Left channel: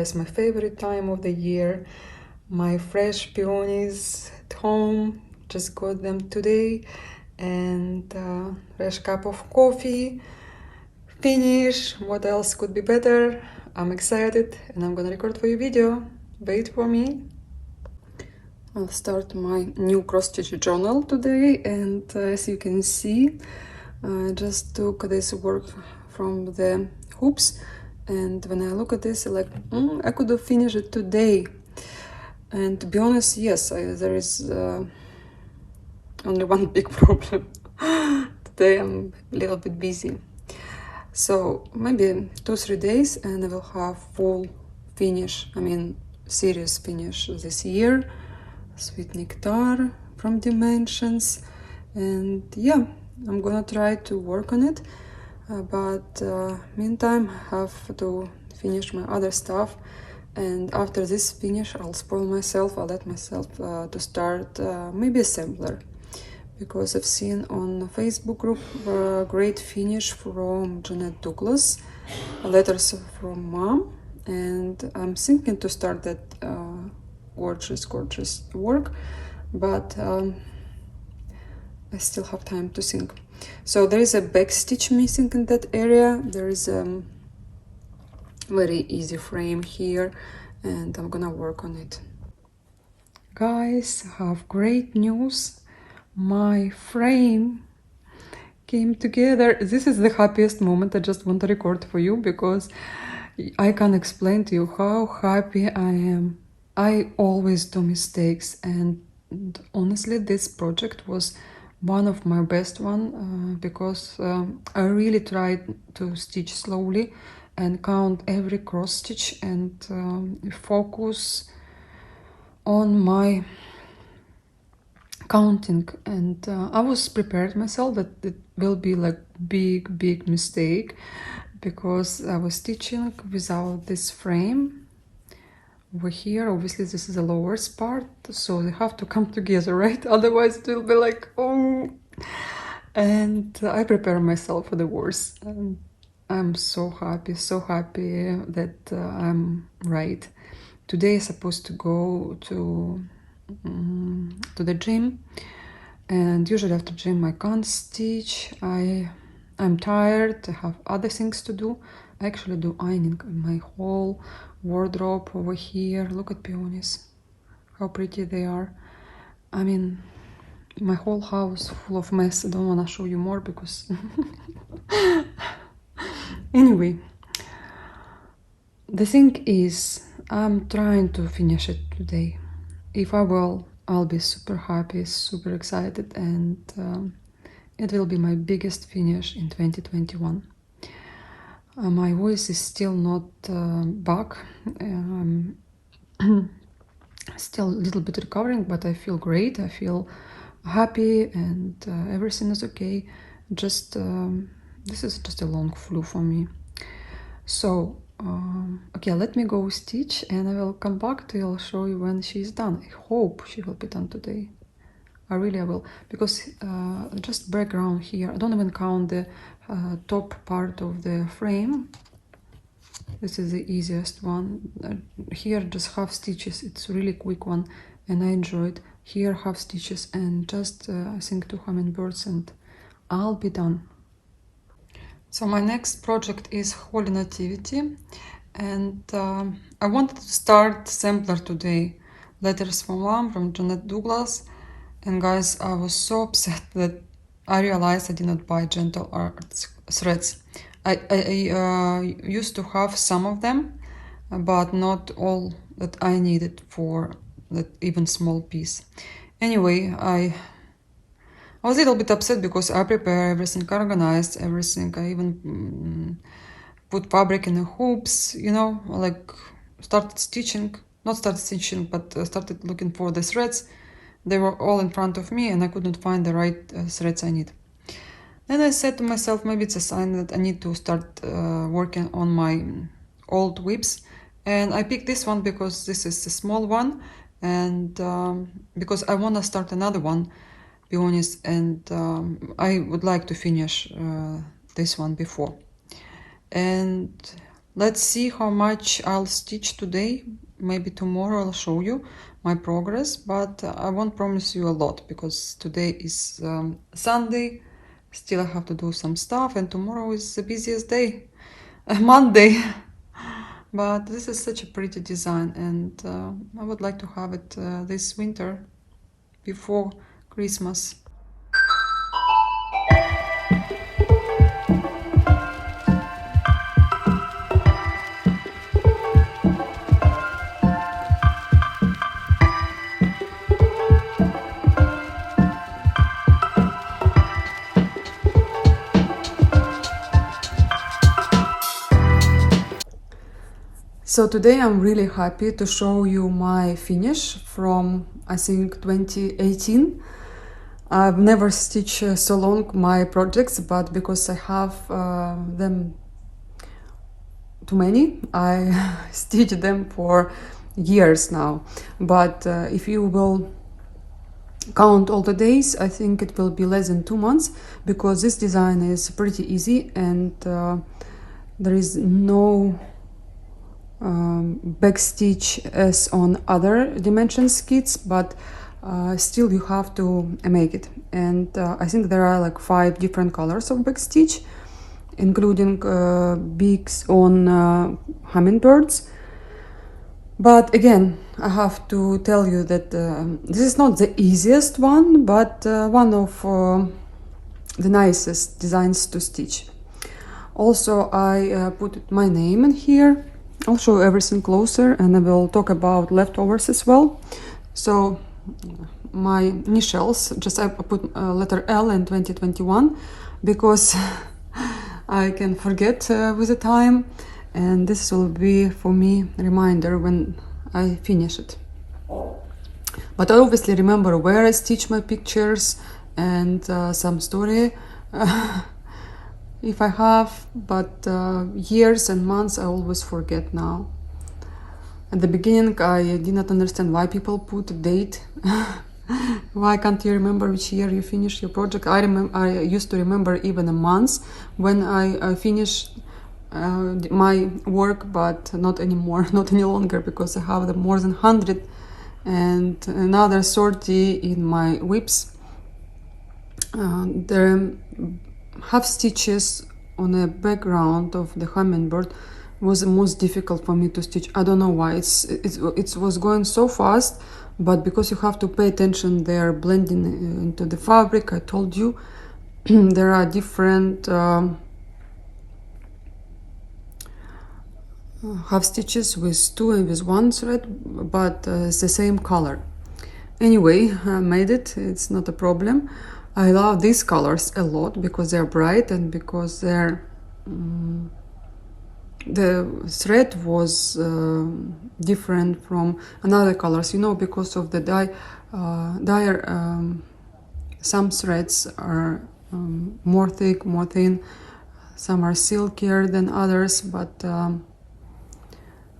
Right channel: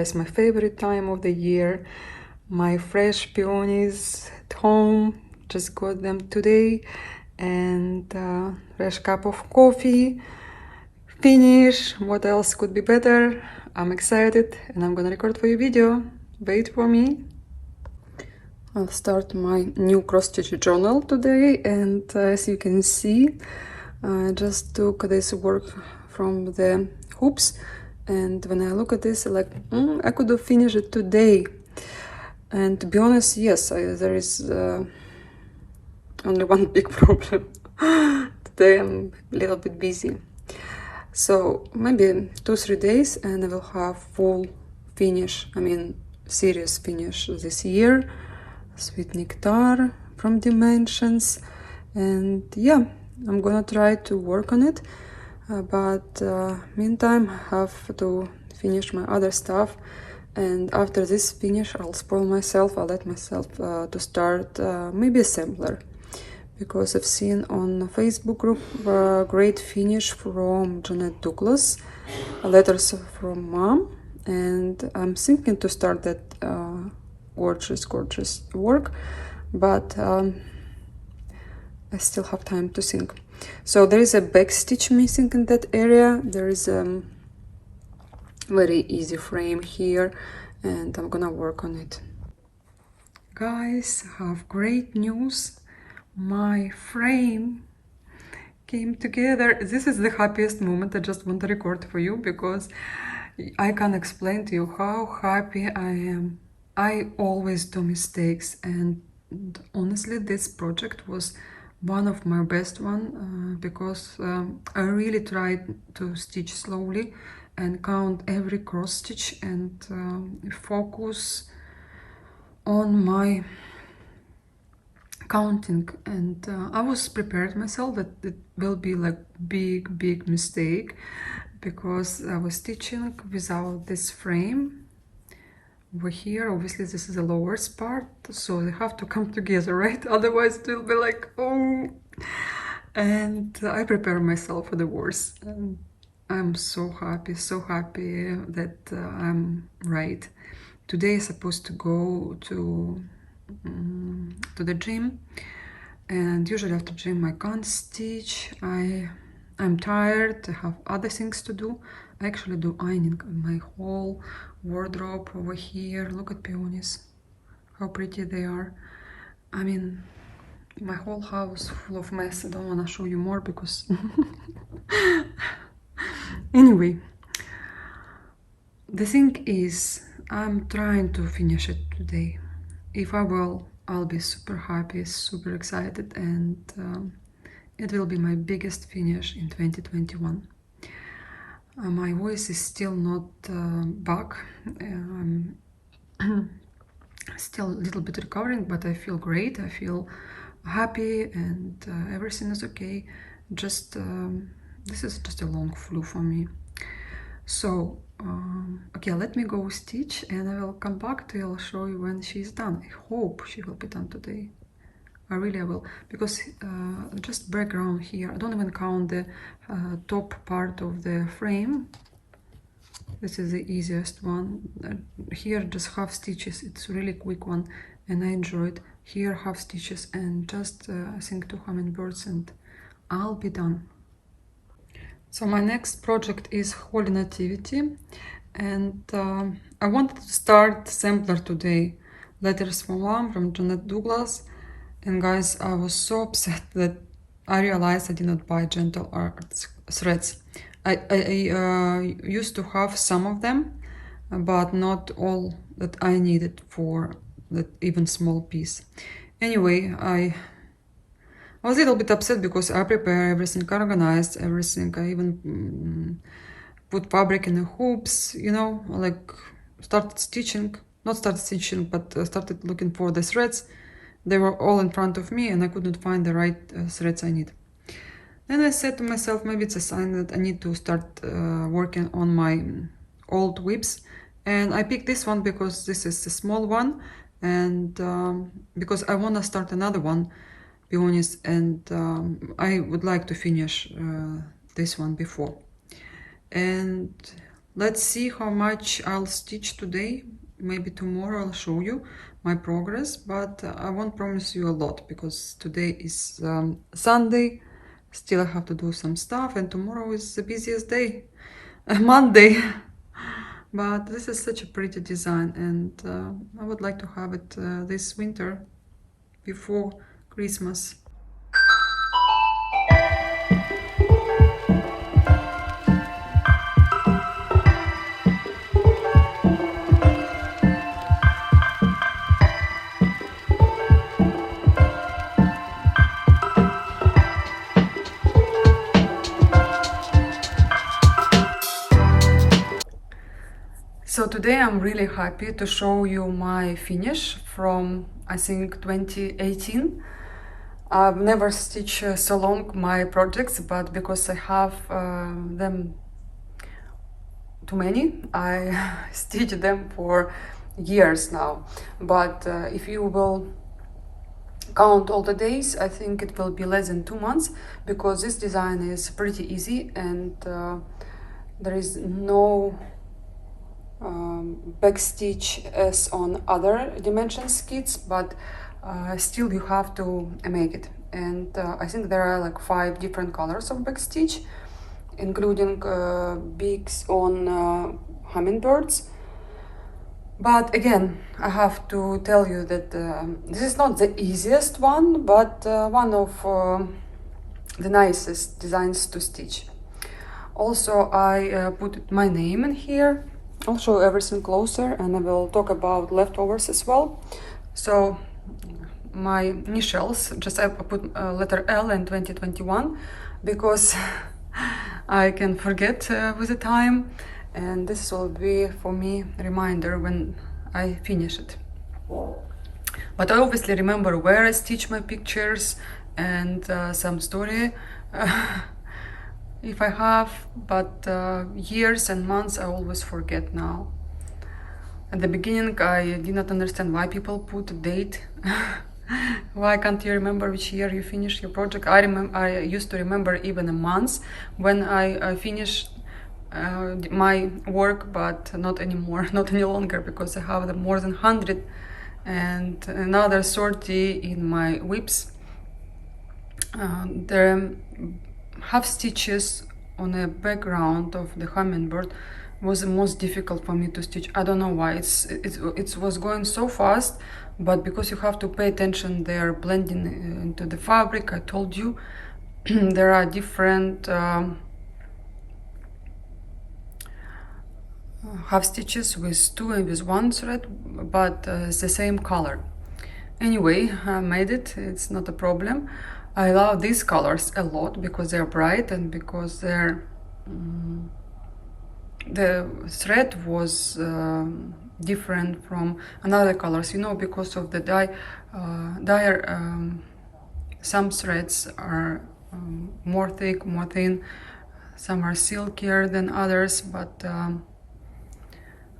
guys, my favorite time of the year. My fresh peonies at home, just got them today, and fresh cup of coffee. Finish. What else could be better? I'm excited and I'm gonna record for you video. Wait for me. I'll start my new cross-stitch journal today, and as you can see, I just took this work from the hoops, and when I look at this, like, I could have finished it today. And to be honest, yes, there is only one big problem. Today I'm a little bit busy. So maybe 2-3 days and I will have full finish, serious finish this year. Sweet Nectar from Dimensions, and yeah, I'm gonna try to work on it, but meantime I have to finish my other stuff, and after this finish I'll spoil myself. I'll let myself to start maybe assembler, because I've seen on Facebook group great finish from Jeanette Douglas, letters from mom, and I'm thinking to start that gorgeous work, but I still have time to think. So there is a back stitch missing in that area. There is a very easy frame here, and I'm gonna work on it. Guys, I have great news. My frame came together. This is the happiest moment. I just want to record for you because I can't explain to you how happy I am. I always do mistakes, and honestly this project was one of my best one, because I really tried to stitch slowly and count every cross stitch and focus on my counting, and I was prepared myself that it will be like big mistake, because I was stitching without this frame over here. Obviously this is the lowest part, so they have to come together, right? Otherwise it will be like, oh. And I prepare myself for the worst, and I'm so happy that I'm right. Today I'm supposed to go to the gym, and usually after gym I can't stitch. I'm tired, I have other things to do. I actually do ironing my whole wardrobe over here. Look at peonies, how pretty they are. I mean, my whole house full of mess. I don't want to show you more because anyway, the thing is, I'm trying to finish it today. If I will, I'll be super happy, super excited, and it will be my biggest finish in 2021. My voice is still not back. I'm still a little bit recovering, but I feel great. I feel happy, and everything is okay. Just this is just a long flu for me. So okay, let me go stitch, and I will come back to you. I'll show you when she's done. I hope she will be done today. I will, because just background here, I don't even count the top part of the frame. This is the easiest one. Here just half stitches, it's a really quick one, and I enjoyed. Here half stitches and just I think 2 hummingbirds, and I'll be done. So my next project is Holy Nativity, and I wanted to start sampler today. Letters from Mom from Jeanette Douglas. And guys, I was so upset that I realized I did not buy Gentle Art threads. I used to have some of them, but not all that I needed for that even small piece. Anyway, I was a little bit upset because I prepare everything, organized everything. I even put fabric in the hoops, you know, like started stitching, not started stitching, but started looking for the threads. They were all in front of me, and I couldn't find the right threads I need. Then I said to myself, maybe it's a sign that I need to start working on my old whips. And I picked this one because this is a small one, and because I want to start another one, peonies, and I would like to finish this one before. And Let's see how much I'll stitch today. Maybe tomorrow I'll show you my progress, but I won't promise you a lot because today is Sunday. Still I have to do some stuff, and tomorrow is the busiest day, Monday. But this is such a pretty design, and I would like to have it this winter before Christmas. So today I'm really happy to show you my finish from, I think, 2018. I've never stitched so long my projects, but because I have them too many, I stitch them for years now. But if you will count all the days, I think it will be less than 2 months, because this design is pretty easy, and there is no back stitch as on other dimensions kits, but still you have to make it. And I think there are like 5 different colors of back stitch, including beaks on hummingbirds. But again, I have to tell you that this is not the easiest one, but one of the nicest designs to stitch. Also, I put my name in here. I'll show everything closer, and I will talk about leftovers as well. So my initials, just I put letter L in 2021 because I can forget with the time, and this will be for me a reminder when I finish it. But I obviously remember where I stitch my pictures and some story if I have, but years and months I always forget now. At the beginning I did not understand why people put a date. Why can't you remember which year you finished your project? I used to remember even a month when I finished my work, but not anymore, not any longer, because I have more than 100 and another 30 in my whips. The half stitches on a background of the hummingbird was the most difficult for me to stitch. I don't know why. It was going so fast, but because you have to pay attention, they're blending into the fabric. I told you there are different half stitches with 2 and with 1 thread, but it's the same color. Anyway, I made it. It's not a problem. I love these colors a lot because they're bright and because they're the thread was different from another colors, you know, because of the dye. Some threads are more thick, more thin. Some are silkier than others, but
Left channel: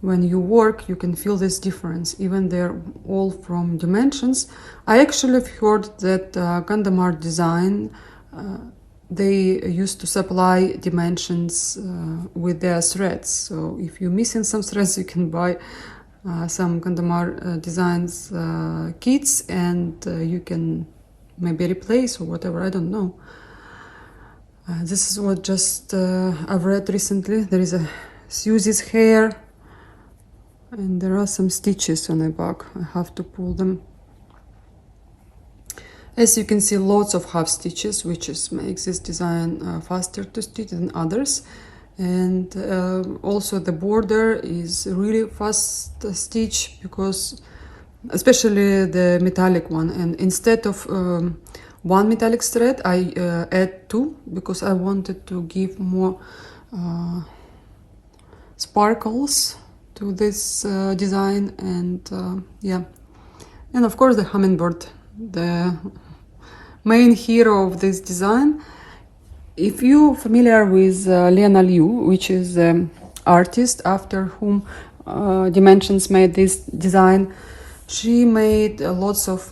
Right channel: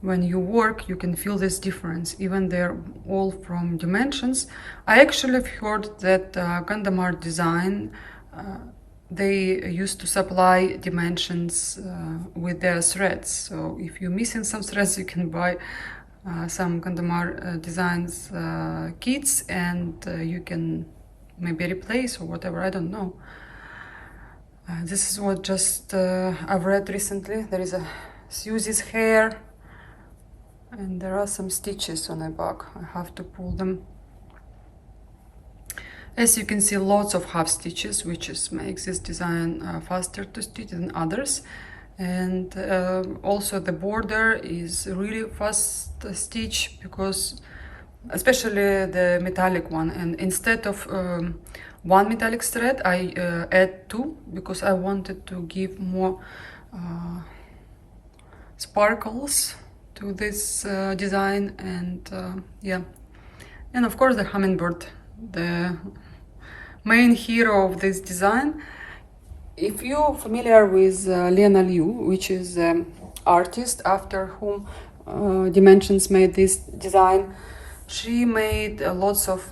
when you work, you can feel this difference, even they're all from dimensions. I actually have heard that Gandamar design, they used to supply dimensions with their threads. So if you're missing some threads, you can buy some Gandamar designs kits, and you can maybe replace or whatever, I don't know. This is what just I've read recently. There is a Susie's hair, and there are some stitches on the back. I have to pull them. As you can see, lots of half stitches, which makes this design faster to stitch than others. And also the border is really fast stitch, because especially the metallic one. And instead of one metallic thread, I add 2 because I wanted to give more sparkles to this design. And yeah, and of course the hummingbird, the main hero of this design. If you're familiar with Lena Liu, which is the artist after whom Dimensions made this design, she made lots of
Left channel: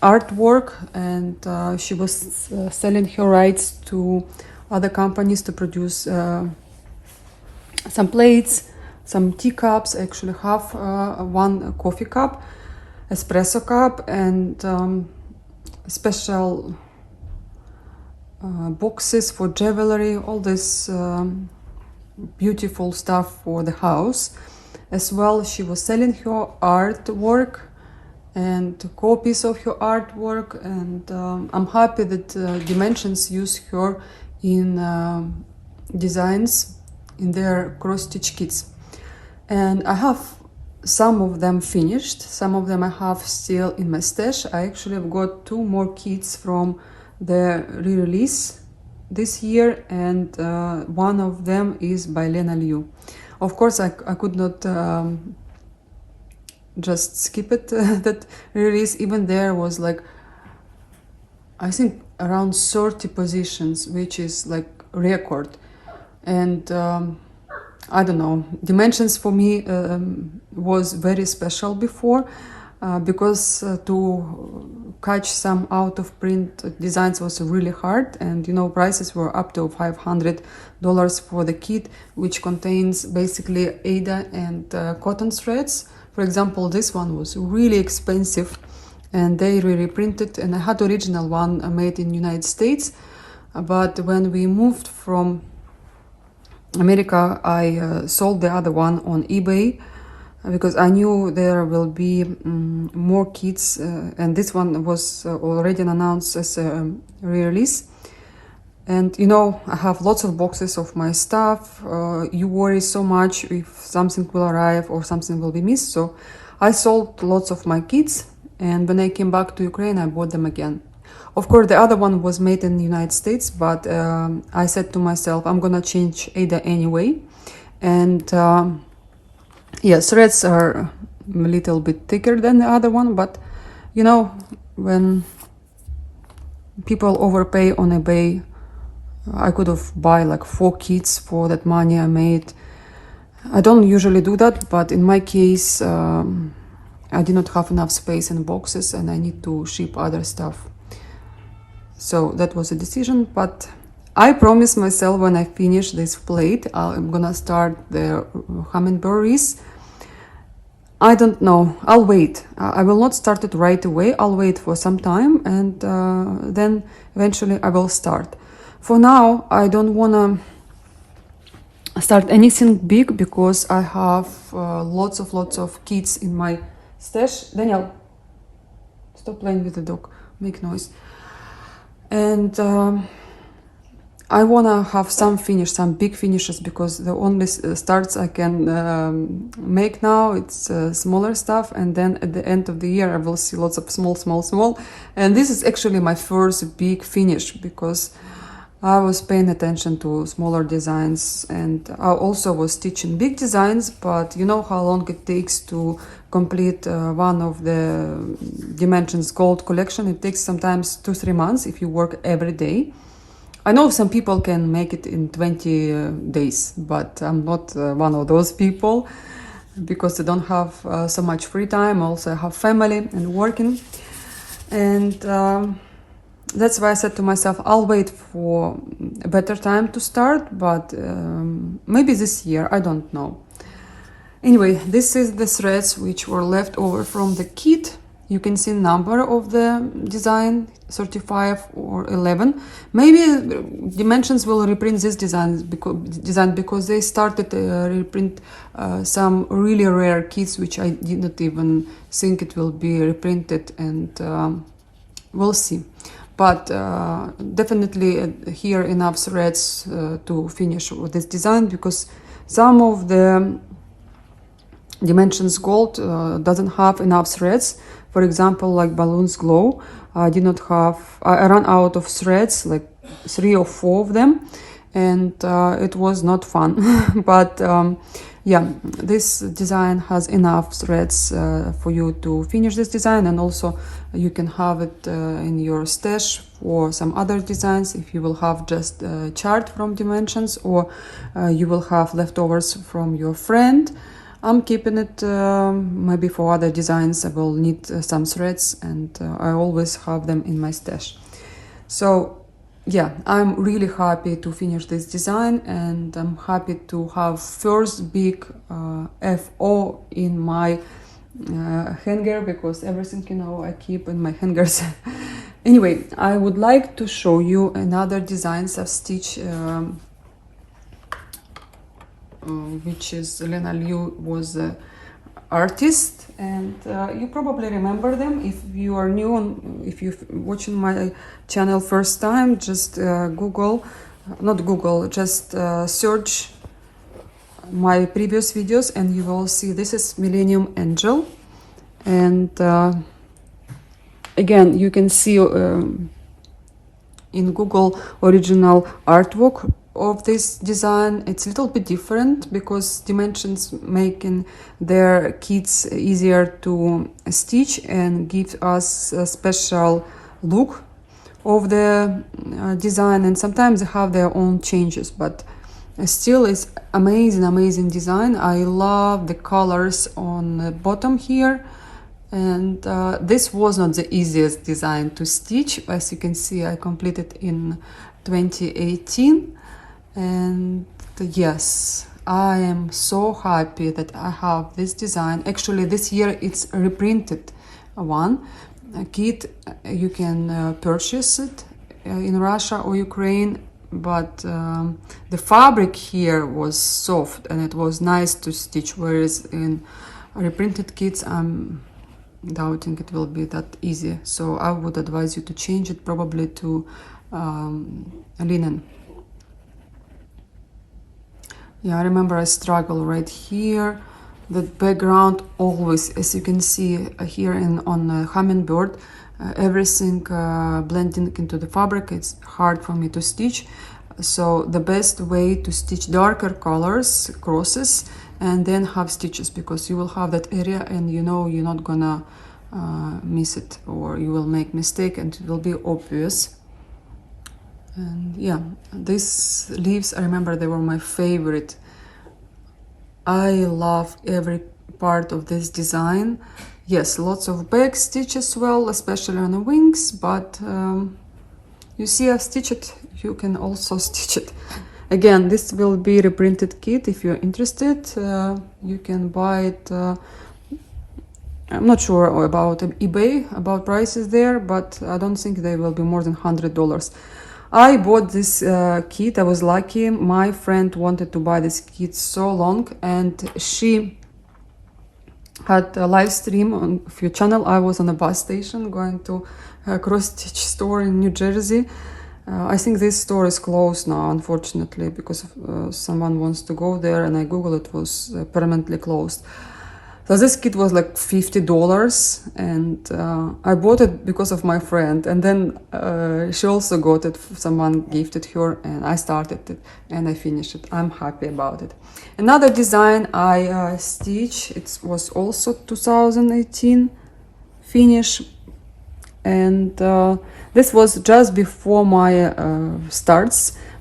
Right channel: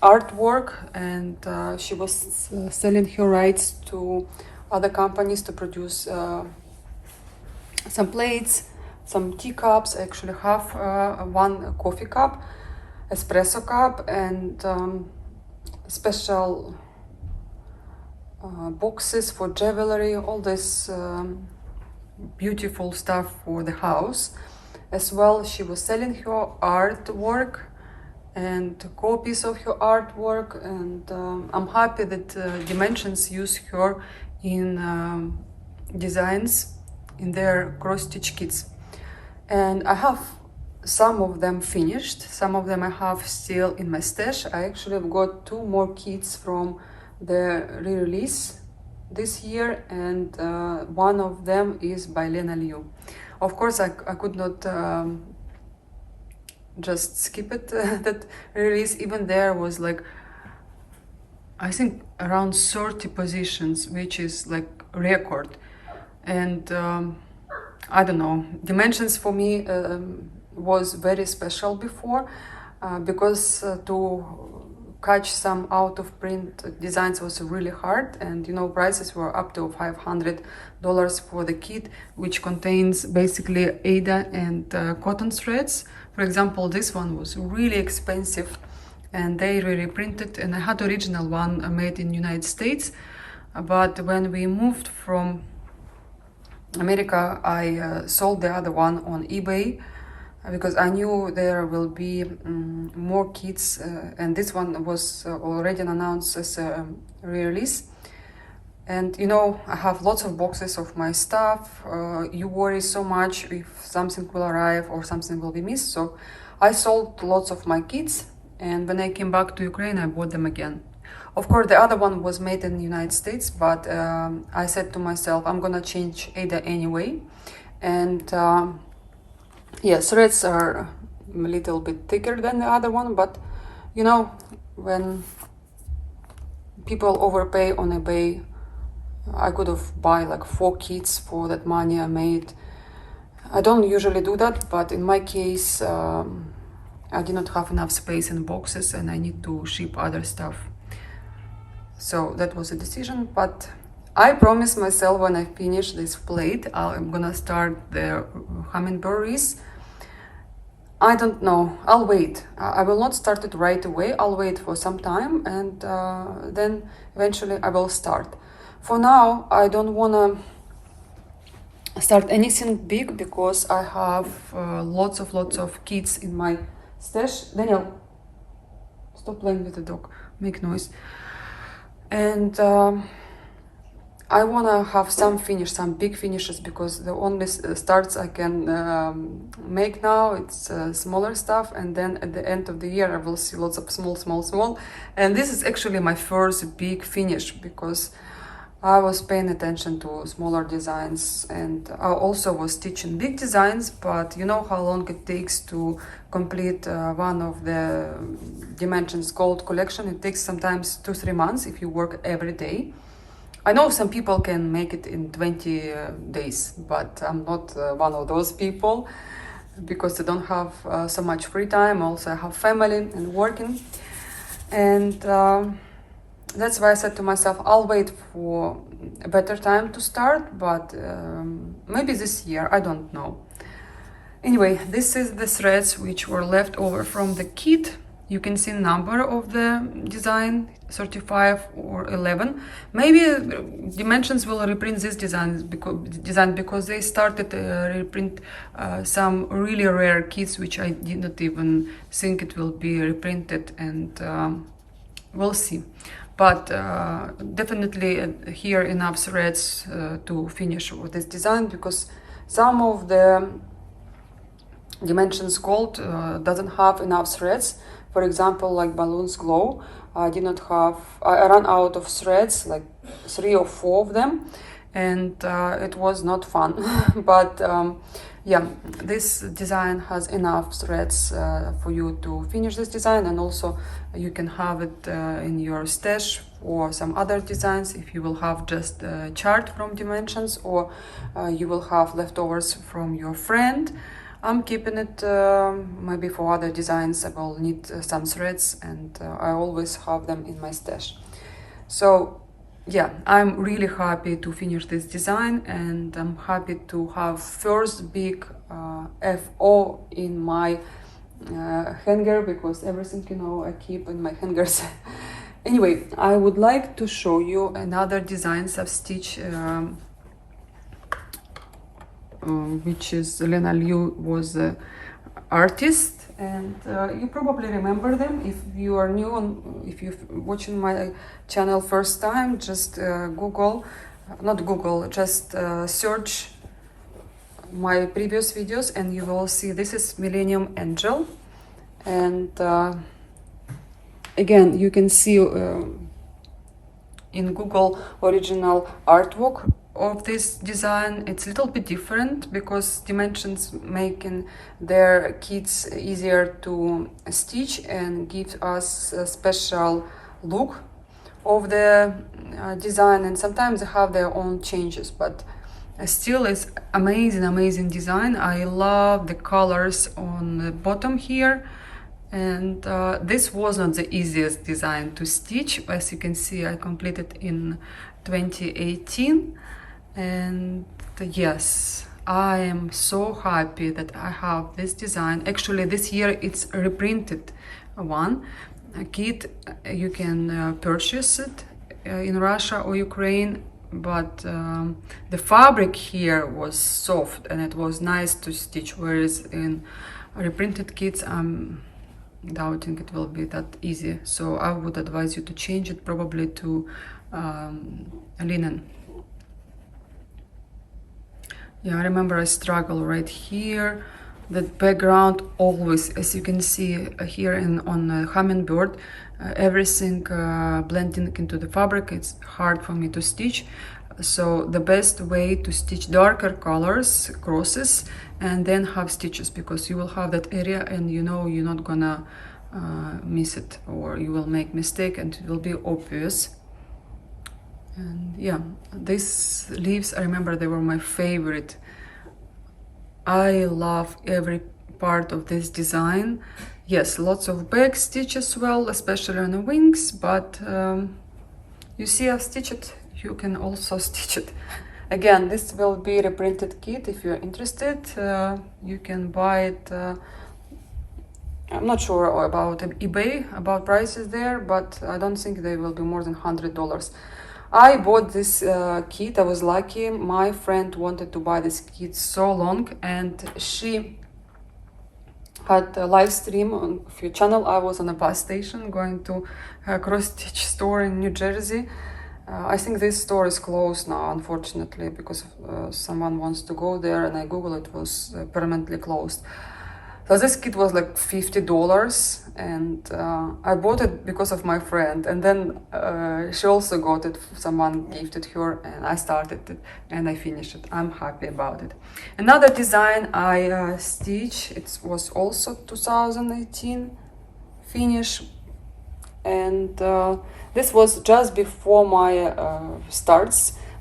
artwork, and she was selling her rights to other companies to produce some plates, some teacups. I actually have one coffee cup, espresso cup, and special boxes for jewelry, all this beautiful stuff for the house. As well, she was selling her artwork and copies of her artwork, and I'm happy that Dimensions use her in designs in their cross-stitch kits. And I have some of them finished, some of them I have still in my stash. I actually have got 2 more kits from the re-release this year, and one of them is by Lena Liu. Of course, I could not just skip it, that release. Even there was like, I think around 30 positions, which is like record. And I don't know, Dimensions for me was very special before, because to catch some out of print designs was really hard, and you know, prices were up to $500 for the kit, which contains basically Aida and cotton threads. For example, this one was really expensive and they reprinted, and I had original one made in United States, but when we moved from America, I sold the other one on eBay because I knew there will be more kits, and this one was already announced as a re-release. And you know, I have lots of boxes of my stuff. You worry so much if something will arrive or something will be missed. So I sold lots of my kits, and when I came back to Ukraine, I bought them again. Of course, the other one was made in the United States, but I said to myself, I'm gonna change Ada anyway. And yeah, threads are a little bit thicker than the other one, but you know, when people overpay on eBay, I could have bought like 4 kits for that money I made. I don't usually do that, but in my case, I did not have enough space in boxes and I need to ship other stuff. So that was a decision, but I promised myself when I finish this plate, I'm gonna start the hummingbirds. I don't know, I'll wait. I will not start it right away, I'll wait for some time, and then eventually I will start. For now, I don't wanna start anything big because I have lots of kits in my stash. Daniel, stop playing with the dog, make noise. And I wanna have some big finishes, because the only starts I can make now, it's smaller stuff, and then at the end of the year I will see lots of small. And this is actually my first big finish, because I was paying attention to smaller designs, and I also was stitching big designs, but you know how long it takes to complete one of the Dimensions Gold collection. It takes sometimes 2-3 months if you work every day. I know some people can make it in 20 days, but I'm not one of those people, because I don't have so much free time. Also, I have family and working, and that's why I said to myself, I'll wait for a better time to start, but maybe this year, I don't know. Anyway, this is the threads which were left over from the kit. You can see number of the design, 35 or 11. Maybe Dimensions will reprint this design because they started to reprint some really rare kits which I did not even think it will be reprinted, and we'll see. But definitely here enough threads to finish with this design, because some of the Dimensions Gold doesn't have enough threads. For example, like Balloons Glow, I ran out of threads, like 3 or 4 of them, and it was not fun. But yeah, this design has enough threads for you to finish this design, and also you can have it in your stash for some other designs if you will have just a chart from Dimensions, or you will have leftovers from your friend. I'm keeping it, maybe for other designs I will need some threads, and I always have them in my stash. So yeah, I'm really happy to finish this design, and I'm happy to have first big FO in my hanger, because everything, you know, I keep in my hangers. Anyway, I would like to show you another designs of stitch, which is Lena Liu was the artist, and you probably remember them. If you are new and if you're watching my channel first time, just just search my previous videos and you will see this is Millennium Angel. And again, you can see in Google original artwork of this design. It's a little bit different because dimensions making their kits easier to stitch and give us a special look of the design, and sometimes they have their own changes, but still it's amazing design. I love the colors on the bottom here. And this was not the easiest design to stitch. As you can see, I completed in 2018. And yes, I am so happy that I have this design. Actually, this year it's a reprinted one. A kit, you can purchase it in Russia or Ukraine, but the fabric here was soft and it was nice to stitch, whereas in reprinted kits I'm doubting it will be that easy. So I would advise you to change it probably to linen. Yeah, I remember I struggle right here. That background always, as you can see here on Hummingbird, everything blending into the fabric. It's hard for me to stitch. So the best way to stitch darker colors, crosses, and then have stitches, because you will have that area and you know you're not gonna miss it, or you will make mistake and it will be obvious. And yeah, these leaves, I remember they were my favorite. I love every part of this design. Yes, lots of back stitch as well, especially on the wings, but you see I've stitched it, you can also stitch it. Again, this will be reprinted kit. If you're interested, you can buy it. I'm not sure about eBay, about prices there, but I don't think they will be more than $100. I bought this kit. I was lucky. My friend wanted to buy this kit so long, and she had a live stream on a few channel. I was on a bus station going to a cross-stitch store in New Jersey. I think this store is closed now, unfortunately, because someone wants to go there, and I googled, it was permanently closed. So this kit was like $50, and I bought it because of my friend, and then she also got it, someone gifted her, and I started it and I finished it. I'm happy about it. Another design I stitched, it was also 2018 finish, and this was just before my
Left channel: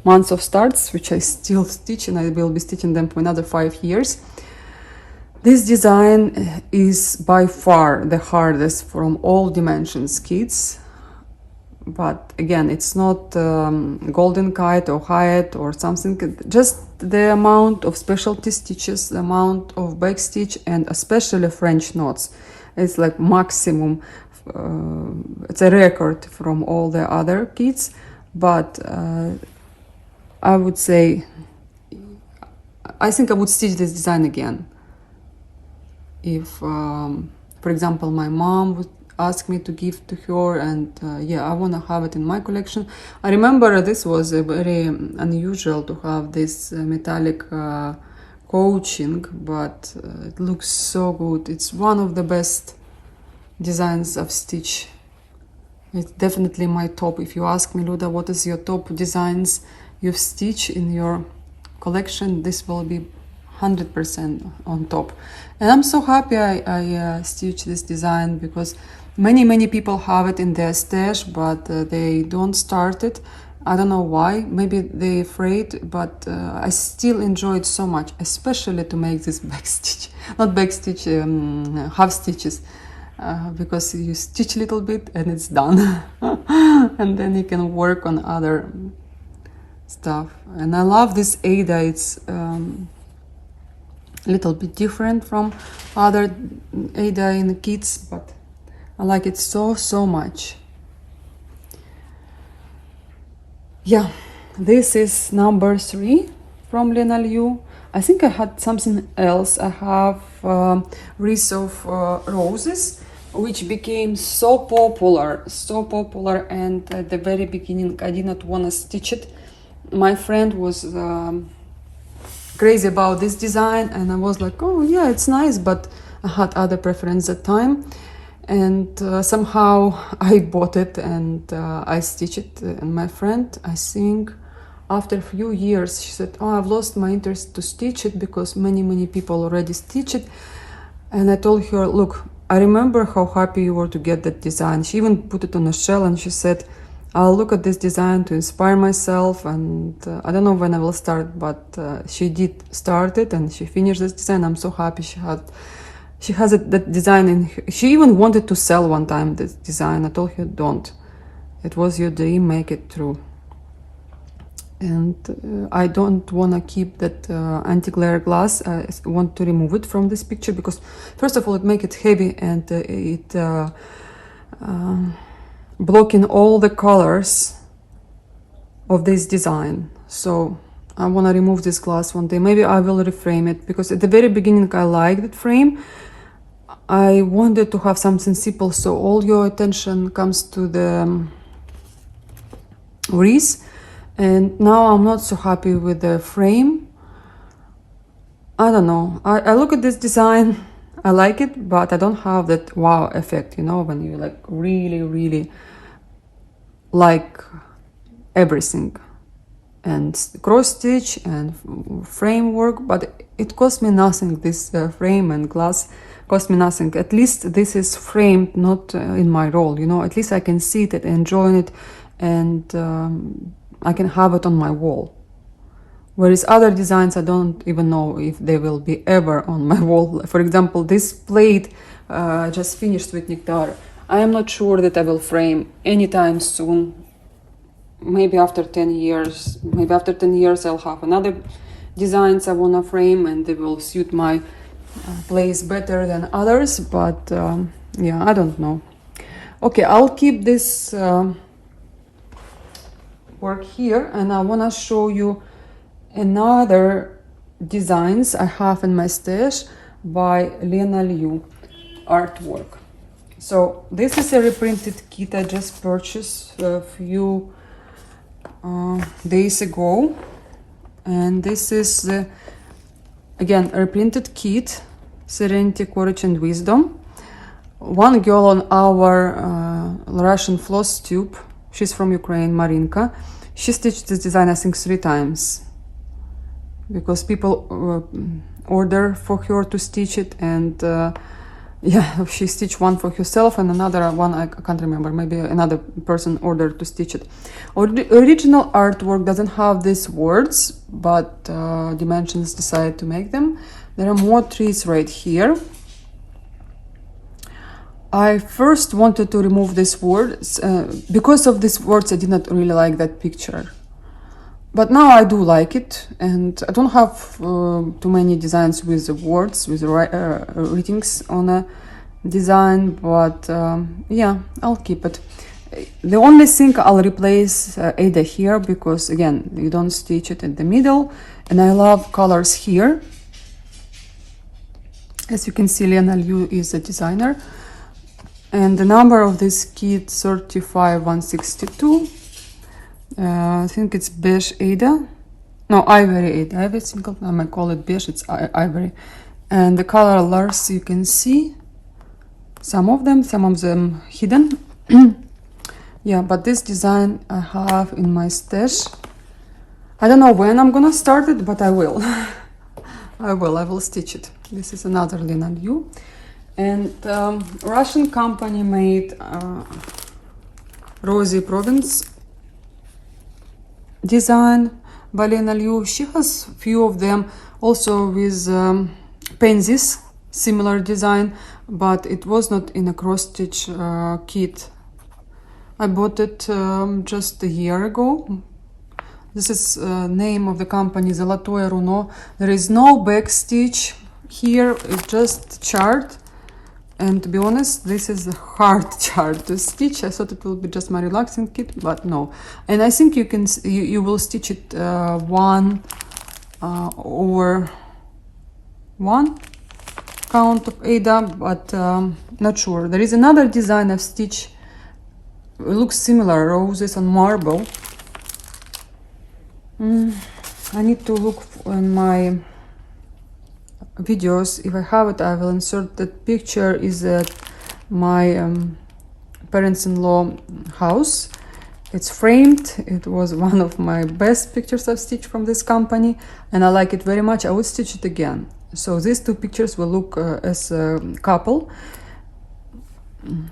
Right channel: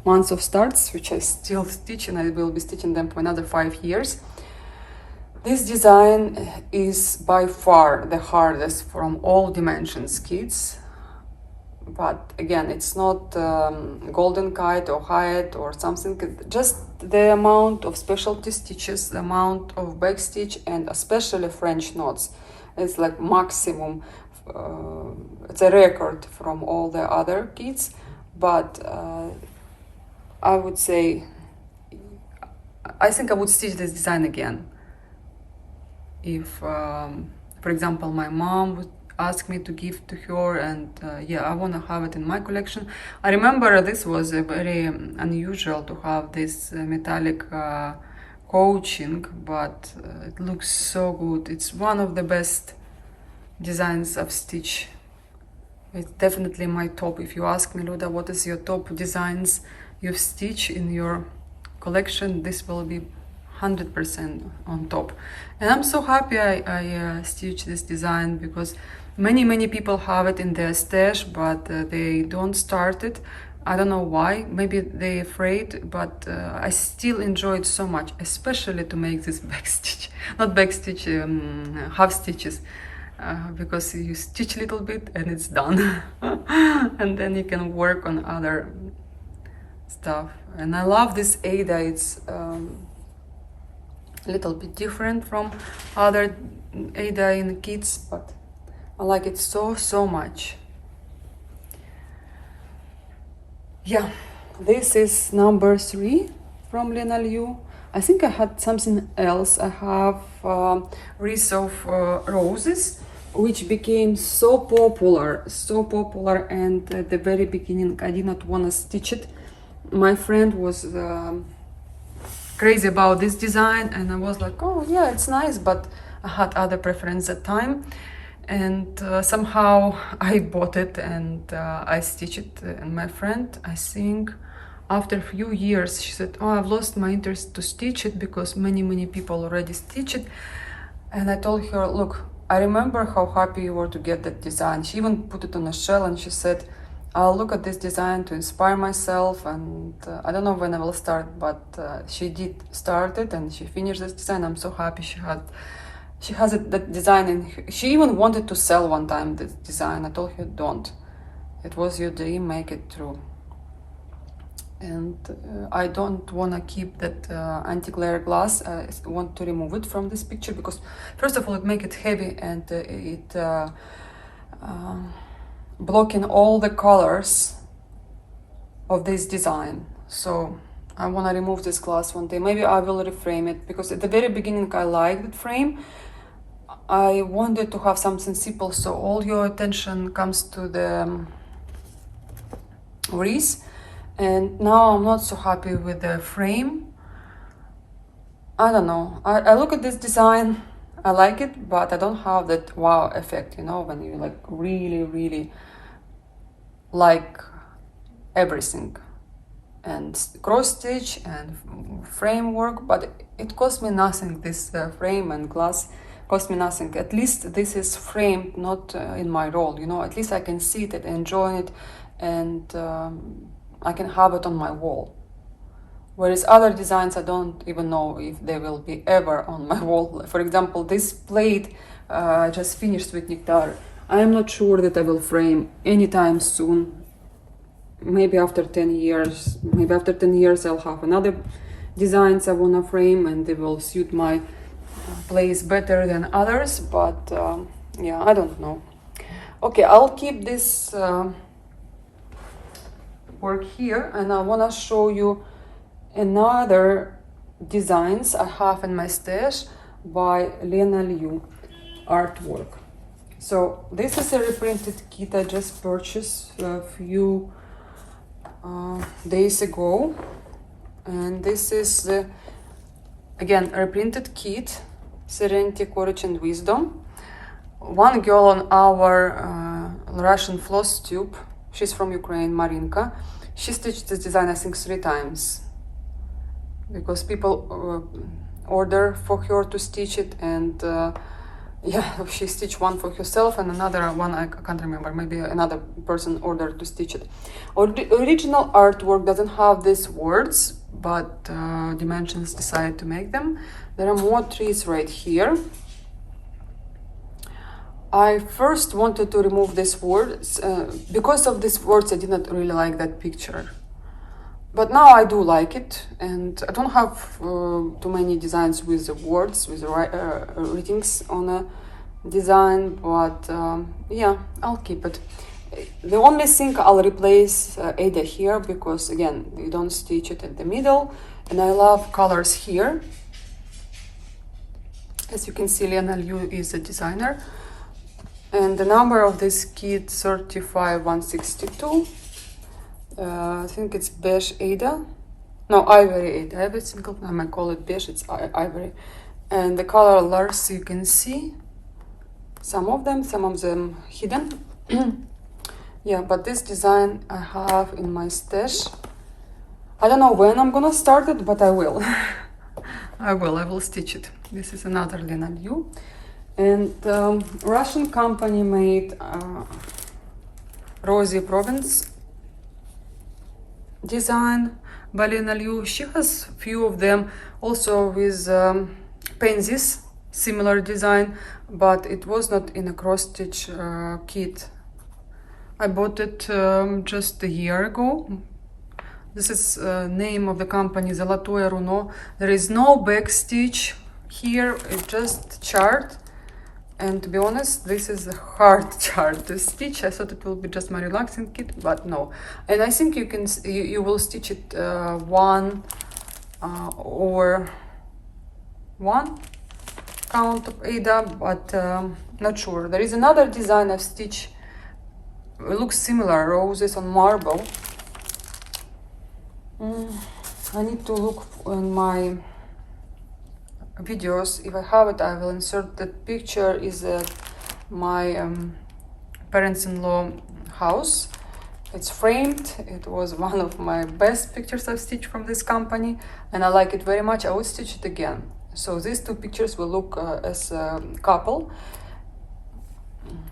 months of starts, which I still stitch, and I will be stitching them for another 5 years. This design is by far the hardest from all dimensions kits, but again, it's not golden kite or Hyatt or something, just the amount of specialty stitches, the amount of back stitch, and especially French knots. It's like maximum, it's a record from all the other kits, but I would say, I think I would stitch this design again. If, for example, my mom would ask me to give to her, and yeah, I want to have it in my collection. I remember this was very unusual to have this metallic coaching, but it looks so good. It's one of the best designs of stitch. It's definitely my top. If you ask me, Luda, what is your top designs you've stitched in your collection, this will be 100% on top. And I'm so happy I stitched this design, because many people have it in their stash, but they don't start it. I don't know why, maybe they're afraid, but I still enjoy it so much, especially to make this back stitch, not back stitch, half stitches. because you stitch a little bit and it's done. And then you can work on other stuff. And I love this Ada. It's a little bit different from other Ada in kits, but I like it so much. Yeah, this is number 3 from Lena Liu. I think I had something else. I have wreath of roses, which became so popular, and at the very beginning I did not want to stitch it. My friend was crazy about this design, and I was like, oh yeah, it's nice, but I had other preference at the time. And somehow I bought it and I stitched it. And my friend, I think after a few years, she said, oh, I've lost my interest to stitch it because many people already stitch it. And I told her, look, I remember how happy you were to get that design. She even put it on a shell and she said, I'll look at this design to inspire myself, and I don't know when I will start, but she did start it and she finished this design. I'm so happy she has that design, and she even wanted to sell one time this design. I told her, don't. It was your dream, make it true. And I don't want to keep that anti-glare glass. I want to remove it from this picture because, first of all, it makes it heavy and it blocking all the colors of this design. So I want to remove this glass one day. Maybe I will reframe it because at the very beginning I liked the frame. I wanted to have something simple, so all your attention comes to the wreath. And now I'm not so happy with the frame. I don't know. I look at this design, I like it, but I don't have that wow effect, you know, when you like really like everything. And cross stitch and framework, but it cost me nothing. This frame and glass cost me nothing. At least this is framed, not in my roll, you know. At least I can see it and enjoy it, and I can have it on my wall. Whereas other designs, I don't even know if they will be ever on my wall. For example, this plate I just finished Sweet Nectar. I am not sure that I will frame anytime soon. Maybe after 10 years. Maybe after 10 years I'll have another designs I wanna frame and they will suit my place better than others. But yeah, I don't know. Okay, I'll keep this work here, and I wanna show you another designs I have in my stash by Lena Liu artwork. So this is a reprinted kit I just purchased a few days ago, and this is again a reprinted kit, Serenity, Courage and Wisdom. One girl on our Russian floss tube, she's from Ukraine, Marinka, she stitched this design I think 3 times because people order for her to stitch it, and yeah, she stitched one for herself and another one, I can't remember, maybe another person ordered to stitch it. Original artwork doesn't have these words, but Dimensions decided to make them. There are more trees right here. I first wanted to remove these words. Because of these words I did not really like that picture. But now I do like it, and I don't have too many designs with words, with readings on a design, but yeah, I'll keep it. The only thing I'll replace Ada here, because again, you don't stitch it in the middle, and I love colors here. As you can see, Lena Liu is a designer, and the number of this kit 35162. I think it's beige Ada, no, ivory Ada. I have a single time I call it beige, it's ivory, and the colors you can see, some of them hidden. Yeah, but this design I have in my stash. I don't know when I'm gonna start it, but I will. I will stitch it. This is another Lena Liu, and Russian company made Rosy Province design by Lena Liu. She has few of them also with pansies similar design, but it was not in a cross-stitch kit. I bought it just a year ago. This is name of the company, Zolotoye Runo. There is no back stitch here, it's just chart. And to be honest, this is a hard chart to stitch. I thought it will be just my relaxing kit, but no. And I think you will stitch it one over one count of Ada, but not sure. There is another design of stitch. It looks similar, roses on marble. I need to look in my videos. If I have it, I will insert the picture. Is at my parents-in-law house. It's framed. It was one of my best pictures I've stitched from this company, and I like it very much. I would stitch it again. So these two pictures will look as a couple.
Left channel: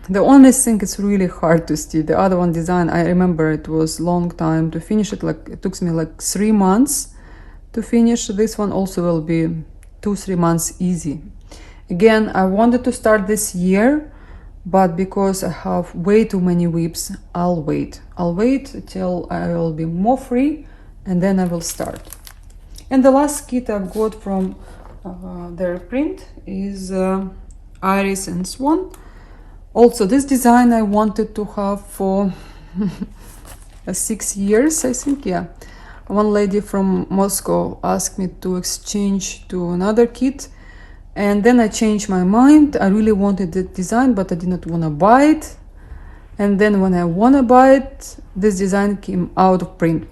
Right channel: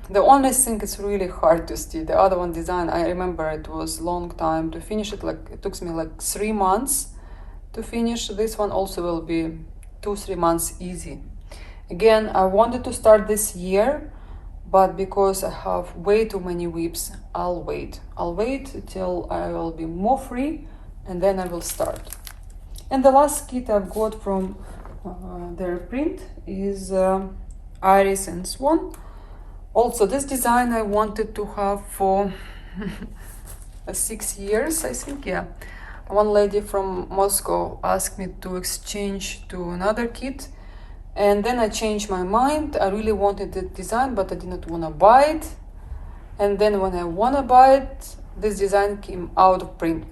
The only thing is really hard to stitch. The other one design, I remember it was long time to finish it. Like it took me like 3 months to finish. This one also will be 2-3 months easy. Again, I wanted to start this year, but because I have way too many whips, I'll wait till I will be more free, and then I will start. And the last kit I've got from their print is Iris and Swan. Also, this design I wanted to have for 6 years, I think. Yeah, one lady from Moscow asked me to exchange to another kit, and then I changed my mind. I really wanted the design, but I did not want to buy it. And then when I want to buy it, this design came out of print.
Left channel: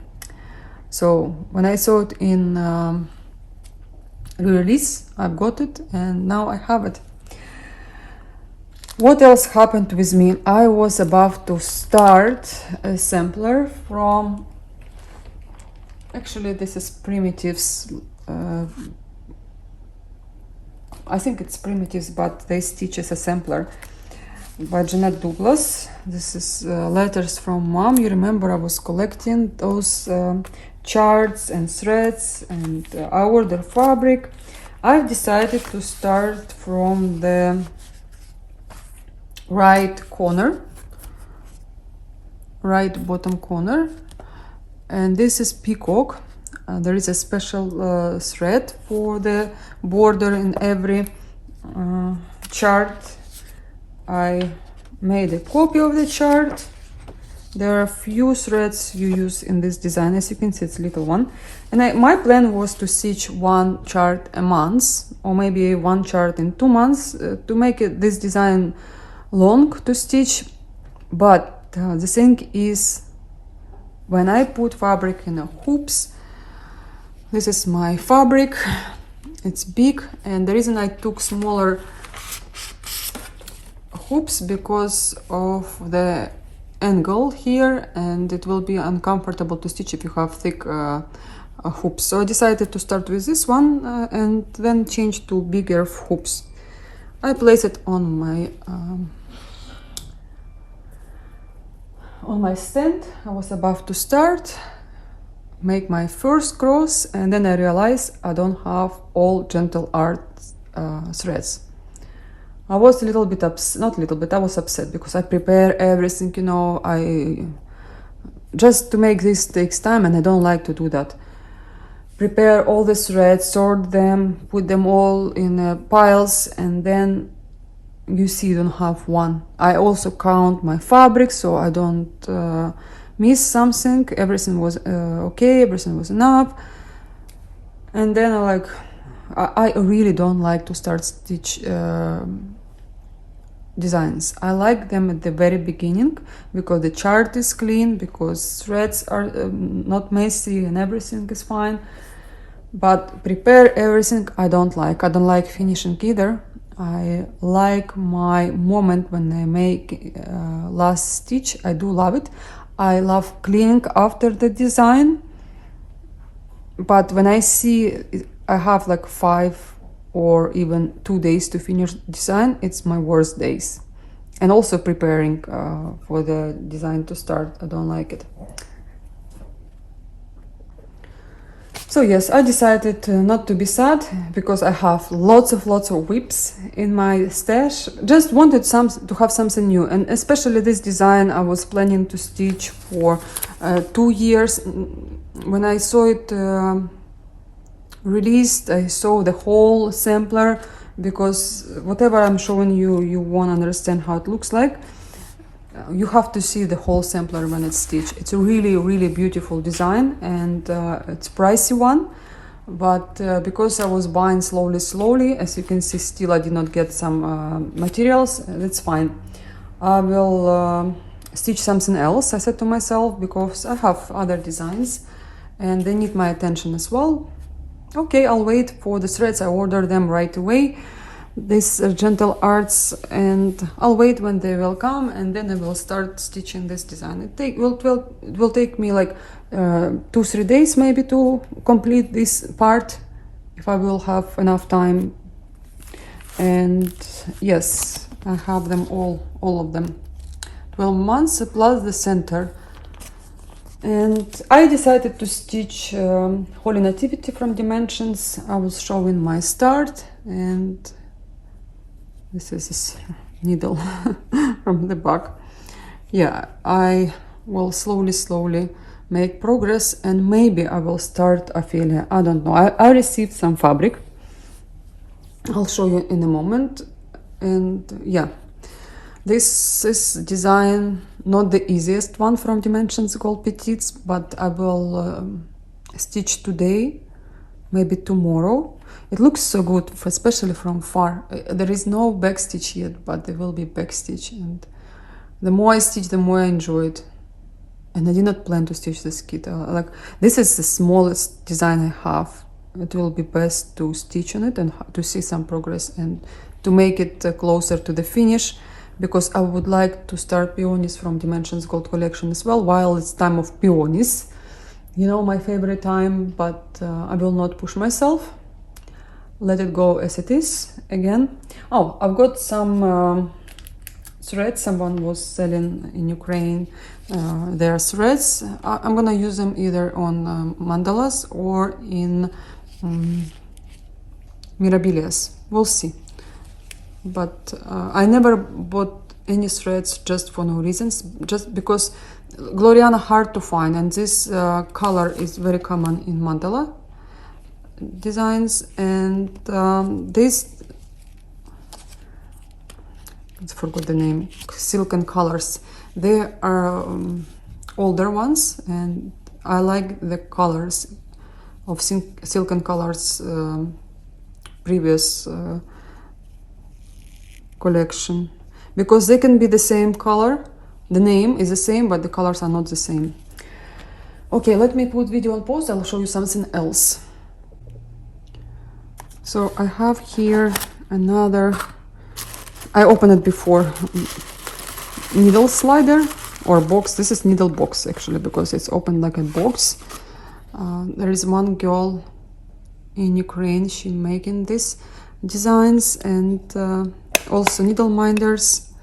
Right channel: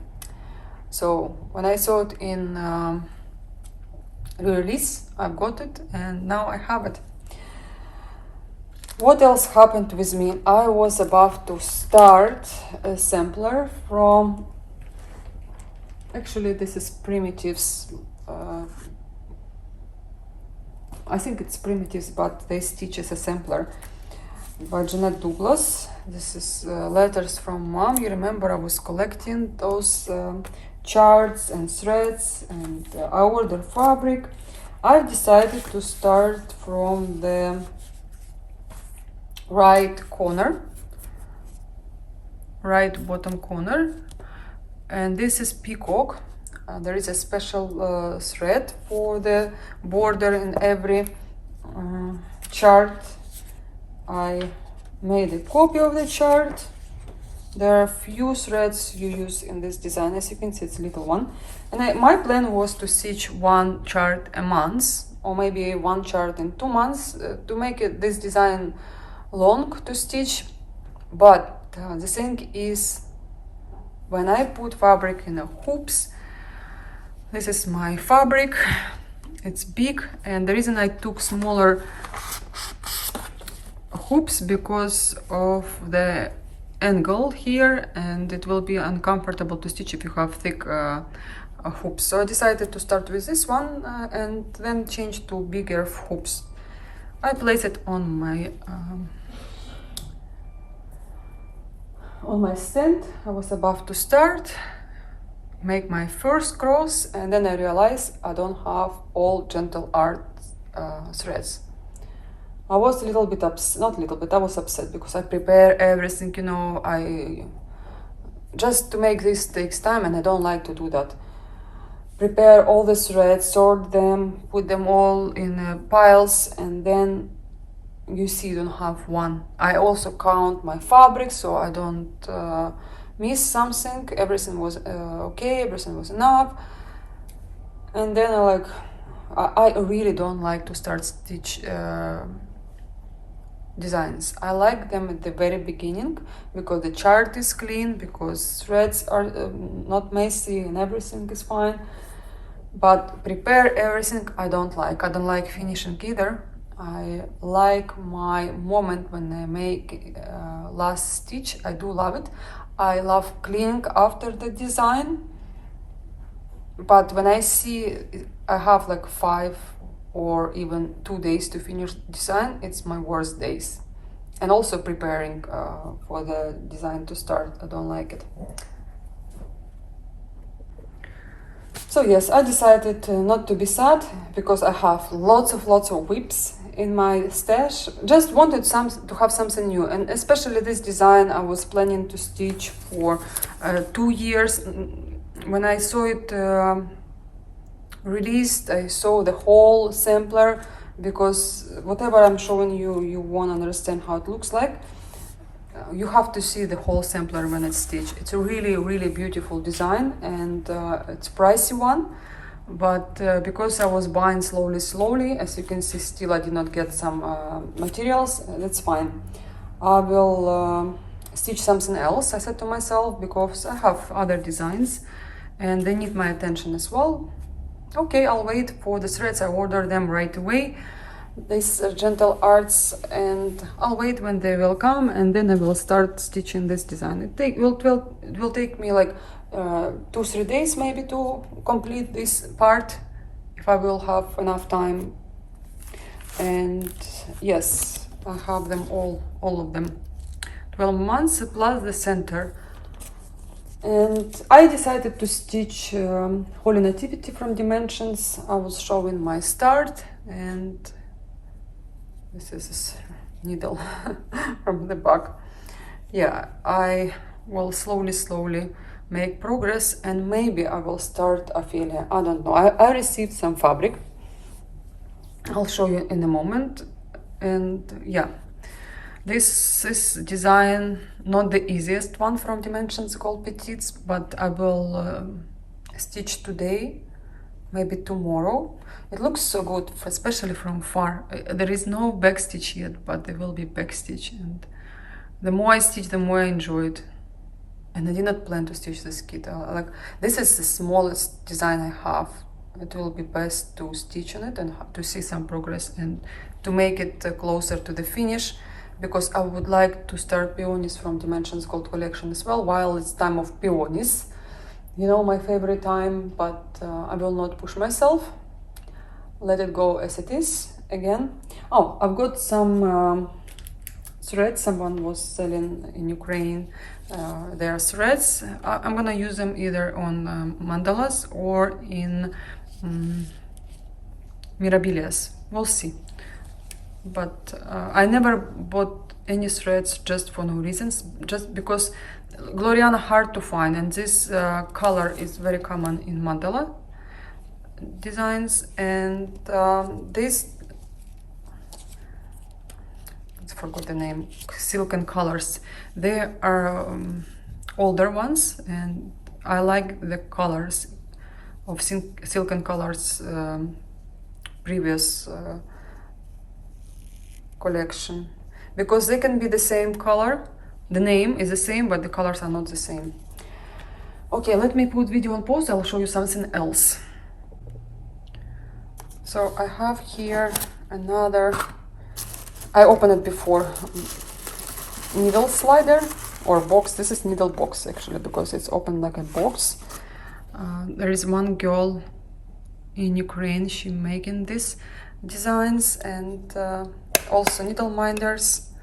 So when I saw it in release, I got it, and now I have it. What else happened with me? I was about to start a sampler from, actually this is Primitives, I think it's Primitives, but they stitch as a sampler, by Jeanette Douglas. This is letters from mom. You remember I was collecting those charts and threads, and I ordered fabric. I've decided to start from the right bottom corner, and this is peacock. There is a special thread for the border in every chart. I made a copy of the chart. There are few threads you use in this design. As you can see, it's a little one, and my plan was to stitch one chart a month, or maybe one chart in 2 months, to make this design long to stitch. But the thing is, when I put fabric in a hoops, this is my fabric, it's big, and the reason I took smaller hoops because of the angle here, and it will be uncomfortable to stitch if you have thick hoops. So I decided to start with this one and then change to bigger hoops. I place it on my stand. I was about to start, make my first cross, and then I realized I don't have all gentle art threads. I was a little bit upset, not a little bit, I was upset because I prepare everything, you know, just to make this takes time, and I don't like to do that. Prepare all the threads, sort them, put them all in piles, and then you see you don't have one. I also count my fabric so I don't miss something. Everything was okay, everything was enough. And then I really don't like to start stitch designs. I like them at the very beginning because the chart is clean, because threads are not messy and everything is fine. But prepare everything I don't like. I don't like finishing either. I like my moment when I make last stitch. I do love it. I love cleaning after the design, but when I see I have like 5 or even 2 days to finish design, it's my worst days. And also preparing for the design to start, I don't like it. So yes, I decided not to be sad because I have lots of whips in my stash. Just wanted to have something new, and especially this design I was planning to stitch for 2 years. When I saw it released, I saw the whole sampler, because whatever I'm showing you, you won't understand how it looks like. You have to see the whole sampler when it's stitched. It's a really beautiful design, and it's a pricey one, but because I was buying slowly, as you can see, still I did not get some materials. That's fine. I will stitch something else, I said to myself, because I have other designs and they need my attention as well. Okay, I'll wait for the threads. I order them right away, this gentle arts, and I'll wait when they will come, and then I will start stitching this design. It will take me like 2-3 days maybe to complete this part, if I will have enough time. And yes, I have them all of them, 12 months plus the center. And I decided to stitch Holy Nativity from Dimensions. I was showing my start, and this is this needle from the back. Yeah, I will slowly make progress, and maybe I will start Ophelia. I don't know. I received some fabric. I'll show you in a moment. And yeah, this is design not the easiest one from Dimensions called Petites, but I will stitch today, maybe tomorrow. It looks so good, especially from far. There is no back stitch yet, but there will be back stitch, and the more I stitch, the more I enjoy it. And I did not plan to stitch this kit. Like, this is the smallest design I have. It will be best to stitch on it and to see some progress and to make it closer to the finish, because I would like to start peonies from Dimensions Gold collection as well, while it's time of peonies, you know, my favorite time. But I will not push myself, let it go as it is again. Oh, I've got some threads. Someone was selling in Ukraine their threads. I'm gonna use them either on mandalas or in mirabilias. We'll see. But I never bought any threads just for no reasons, just because Gloriana hard to find, and this color is very common in mandala designs. And this, I forgot the name, silken colors, they are older ones, and I like the colors of silken colors previous collection, because they can be the same color, the name is the same, but the colors are not the same. Okay, let me put video on pause. I'll show you something else. So I have here another, I opened it before, needle slider or box. This is needle box actually, because it's open like a box. There is one girl in Ukraine, she making these designs, and also needle minders,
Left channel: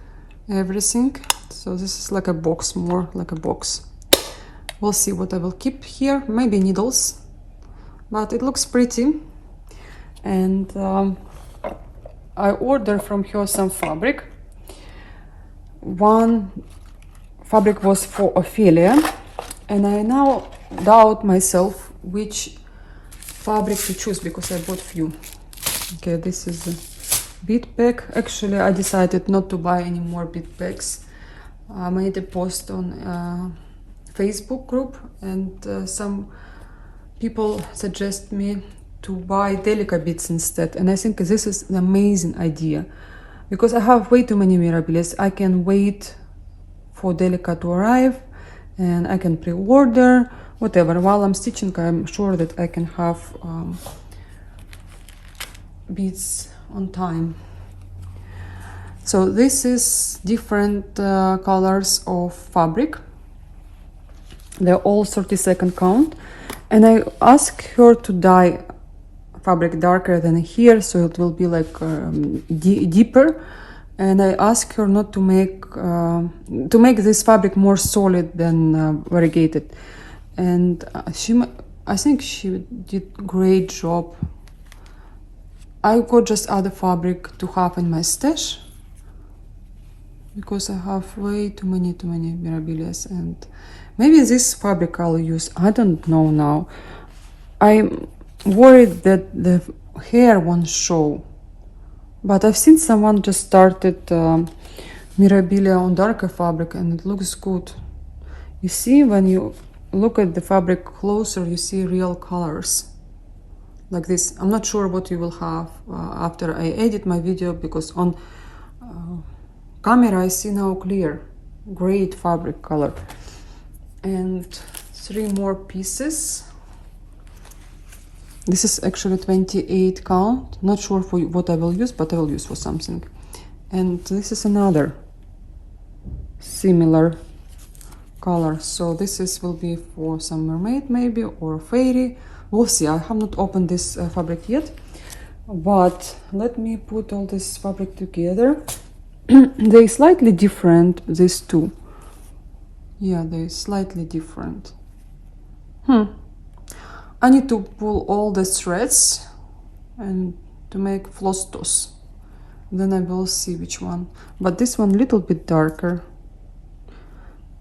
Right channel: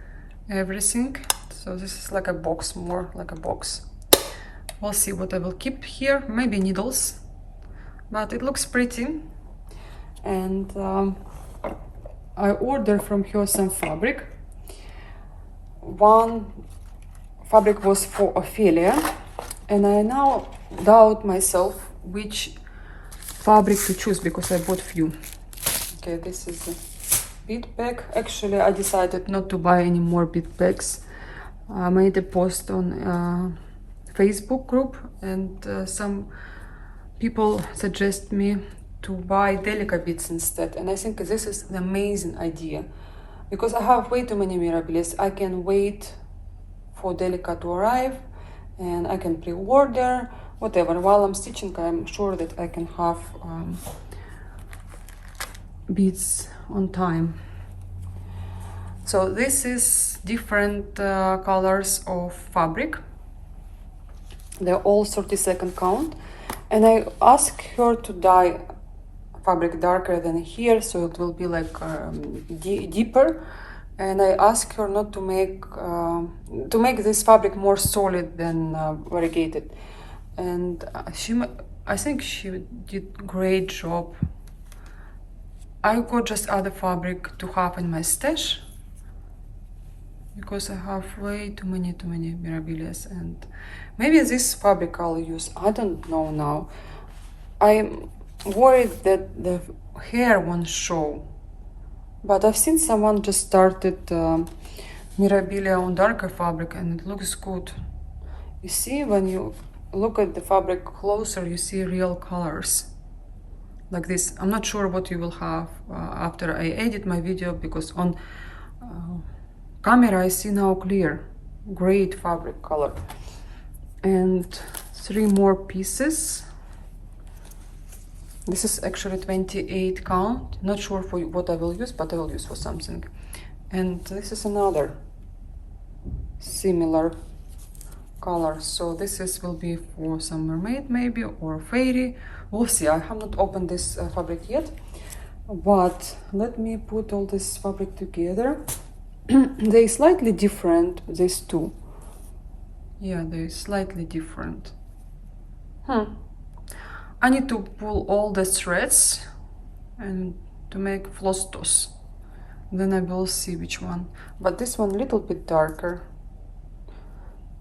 everything. So this is like a box, more like a box. We'll see what I will keep here, maybe needles, but it looks pretty. And I ordered from her some fabric. One fabric was for Ophelia, and I now doubt myself which fabric to choose, because I bought few. Okay, this is a bead pack. Actually, I decided not to buy any more bead packs. I made a post on Facebook group, and some people suggest me to buy Delica beads instead, and I think this is an amazing idea, because I have way too many mirabilis. I can wait for Delica to arrive, and I can pre-order whatever. While I'm stitching, I'm sure that I can have beads on time. So this is different colors of fabric. They're all 30-second count, and I asked her to dye fabric darker than here, so it will be like deeper. And I asked her not to make this fabric more solid than variegated. And I think she did great job. I got just other fabric to have in my stash because I have way too many mirabilias, and maybe this fabric I'll use. I don't know now. I'm worried that the hair won't show, but I've seen someone just started mirabilia on darker fabric and it looks good. You see, when you look at the fabric closer, you see real colors like this. I'm not sure what you will have after I edit my video, because on camera I see now clear, great fabric color. And 3 more pieces. This is actually 28 count. Not sure for what I will use, but I will use for something. And this is another similar color. So this will be for some mermaid maybe, or fairy. We'll see. I have not opened this fabric yet. But let me put all this fabric together. They're slightly different, these two. Yeah, they're slightly different. I need to pull all the threads and to make floss toss. Then I will see which one. But this one a little bit darker.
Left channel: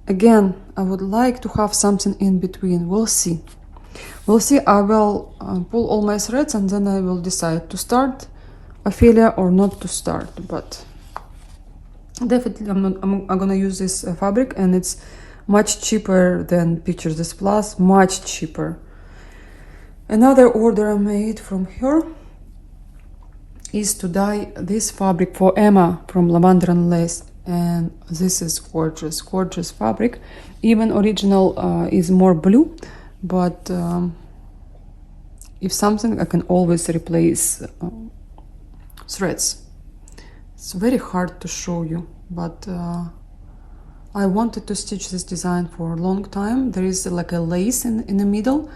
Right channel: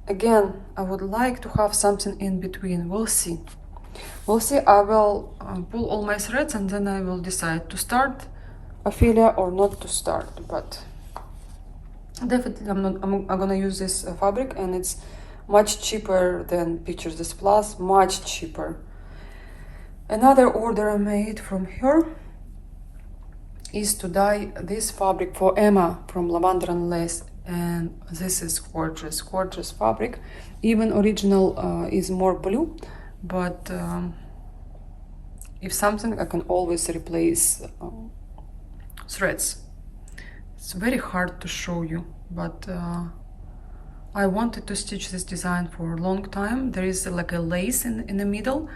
Again, I would like to have something in between. We'll see. We'll see. I will pull all my threads and then I will decide to start Ophelia or not to start. But definitely I'm gonna use this fabric, and it's much cheaper than Pictures This Plus, much cheaper. Another order I made from her is to dye this fabric for Emma from Lavender and Lace, and this is gorgeous, gorgeous fabric. Even original is more blue, but if something, I can always replace threads. It's very hard to show you, but I wanted to stitch this design for a long time. There is like a lace in the middle.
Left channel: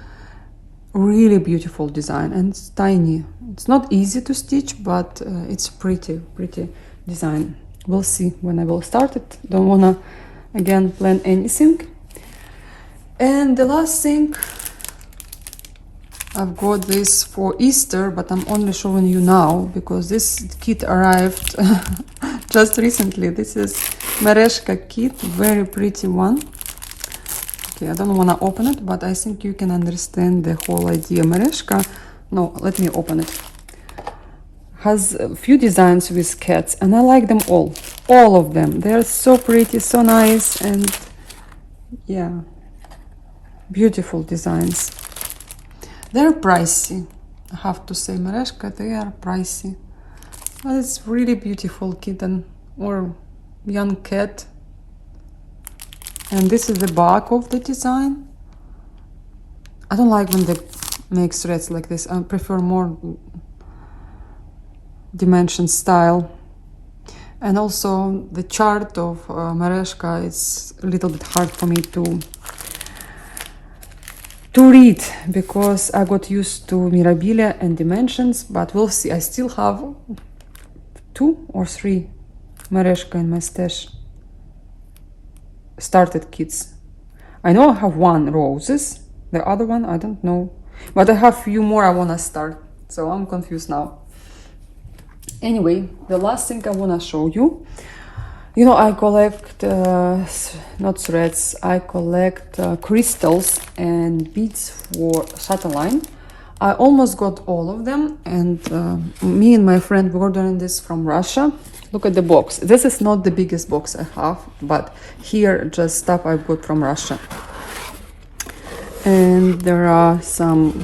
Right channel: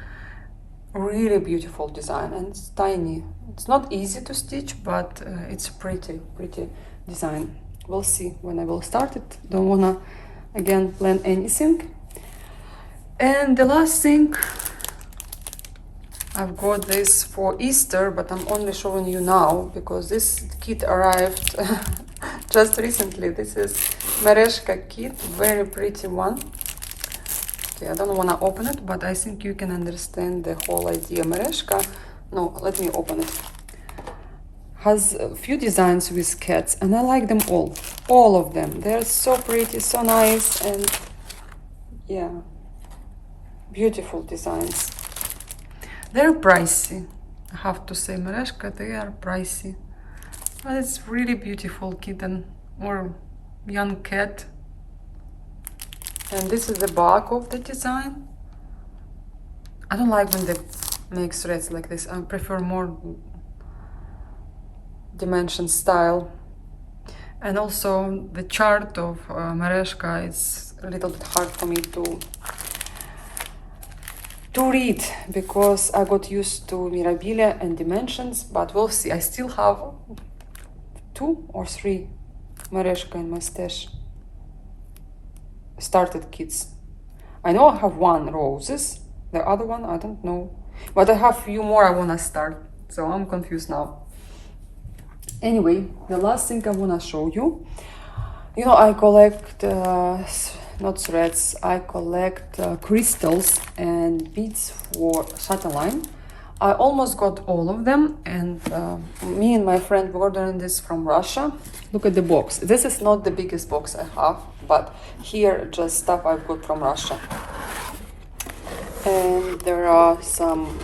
Really beautiful design, and it's tiny. It's not easy to stitch, but it's pretty design. We'll see when I will start it. Don't wanna again plan anything. And the last thing, I've got this for Easter, but I'm only showing you now because this kit arrived just recently. This is Mereshka kit, very pretty one. I don't want to open it, but I think you can understand the whole idea. Mereshka, no, let me open it. Has a few designs with cats, and I like them all of them. They're so pretty, so nice, and yeah, beautiful designs. They're pricey, I have to say. Mereshka, they are pricey, but it's really beautiful kitten or young cat. And this is the back of the design. I don't like when they make threads like this. I prefer more dimension style. And also the chart of Mereshka is a little bit hard for me to read, because I got used to Mirabilia and dimensions, but we'll see. I still have 2 or 3 Mereshka in my stash. Started kits. I know I have 1 roses, the other one I don't know, but I have few more I wanna start, so I'm confused now. Anyway, the last thing I wanna show you, you know, I collect not threads, I collect crystals and beads for Chatelaine. I almost got all of them, and me and my friend were ordering this from Russia. Look at the box. This is not the biggest box I have, but here just stuff I got from Russia. And there are some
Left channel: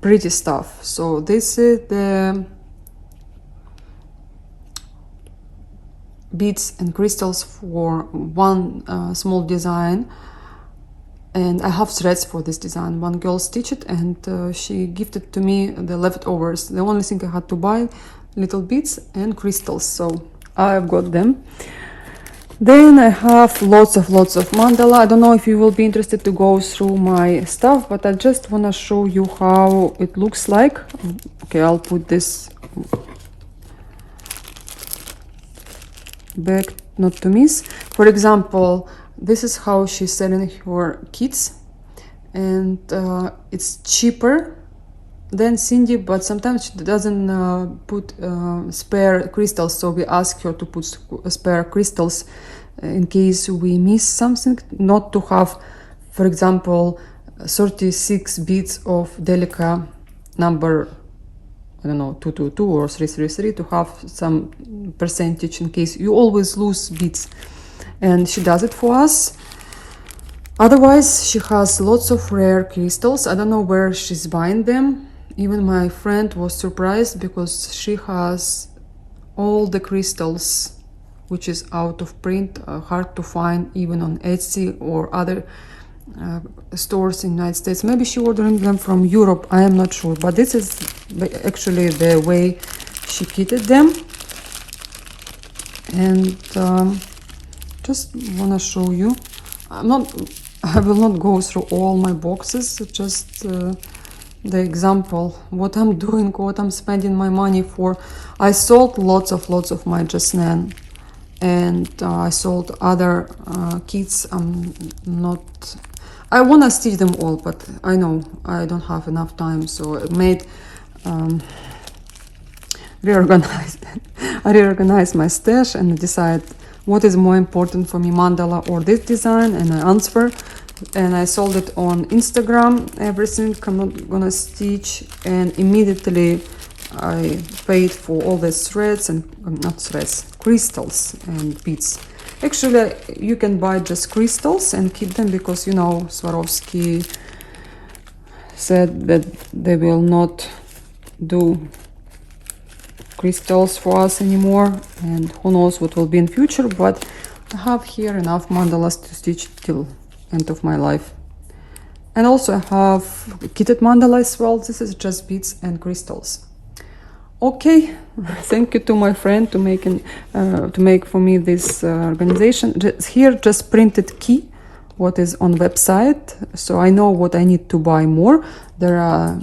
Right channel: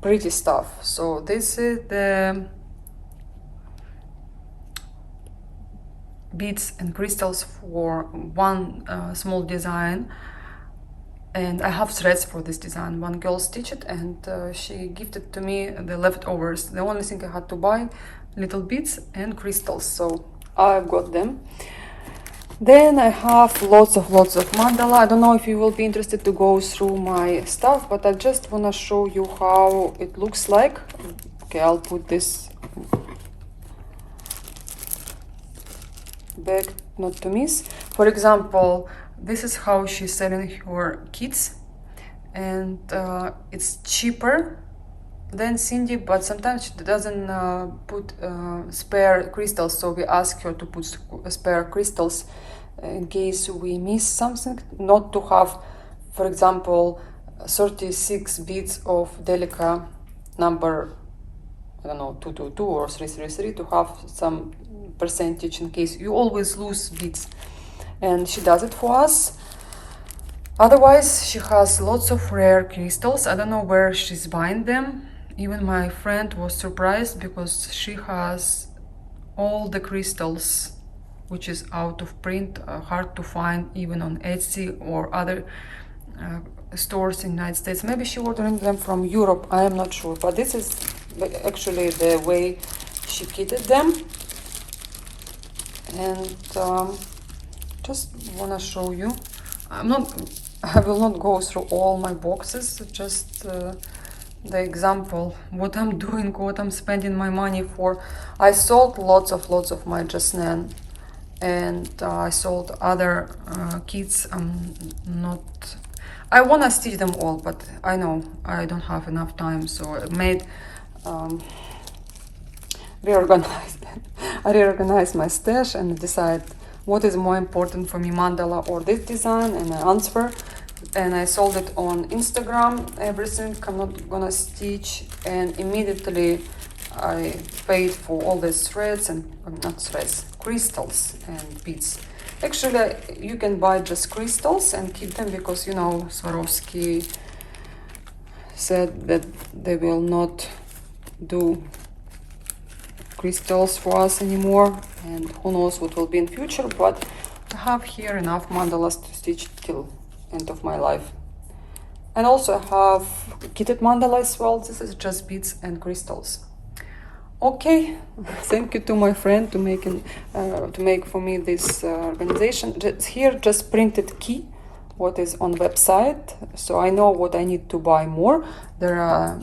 pretty stuff. So this is the beads and crystals for one small design. And I have threads for this design. One girl stitched it, and she gifted to me the leftovers. The only thing I had to buy, little beads and crystals, so I've got them. Then I have lots of mandala. I don't know if you will be interested to go through my stuff, but I just want to show you how it looks like. Okay, I'll put this back, not to miss. For example, this is how she's selling her kits, and it's cheaper than Cindy, but sometimes she doesn't put spare crystals, so we ask her to put spare crystals in case we miss something, not to have, for example, 36 beads of Delica number, I don't know, 222 or 333, to have some percentage in case you always lose beads. And she does it for us. Otherwise, she has lots of rare crystals. I don't know where she's buying them. Even my friend was surprised because she has all the crystals which is out of print, hard to find even on Etsy or other stores in the United States. Maybe she ordering them from Europe, I am not sure, but this is actually the way she kitted them. And just wanna show you. I will not go through all my boxes, just the example, what I'm doing, what I'm spending my money for. I sold lots of my Jasnan, and I sold other kits. I want to stitch them all, but I know I don't have enough time, so I made reorganized my stash and decide what is more important for me, mandala or this design, and I answer. And I sold it on Instagram, everything I'm gonna stitch, and immediately I paid for all these threads and not threads, crystals and beads. Actually, you can buy just crystals and keep them, because you know Swarovski said that they will not do crystals for us anymore, and who knows what will be in future, but I have here enough mandalas to stitch till end of my life. And also I have kitted mandala as well. This is just beads and crystals. Okay, thank you to my friend to make for me this organization. Here just printed key what is on website, so I know what I need to buy more. There are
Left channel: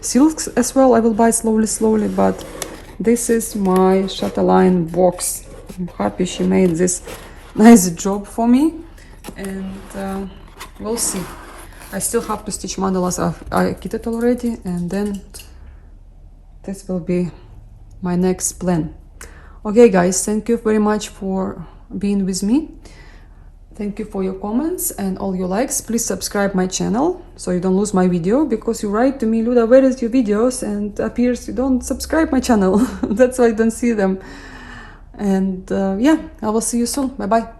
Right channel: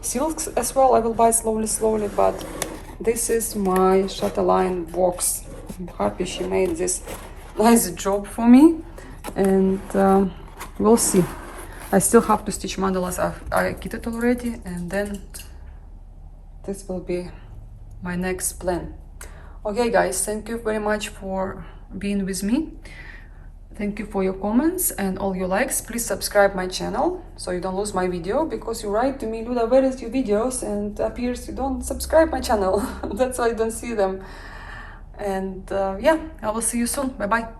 silks as well. I will buy slowly, but this is my chatelaine box. I'm happy she made this nice job for me, and we'll see. I still have to stitch mandalas. I kitted already, and then this will be my next plan. Okay guys, thank you very much for being with me. Thank you for your comments and all your likes. Please subscribe my channel so you don't lose my video, because you write to me, Luda, where is your videos? And appears you don't subscribe my channel. That's why I don't see them. And yeah, I will see you soon. Bye bye.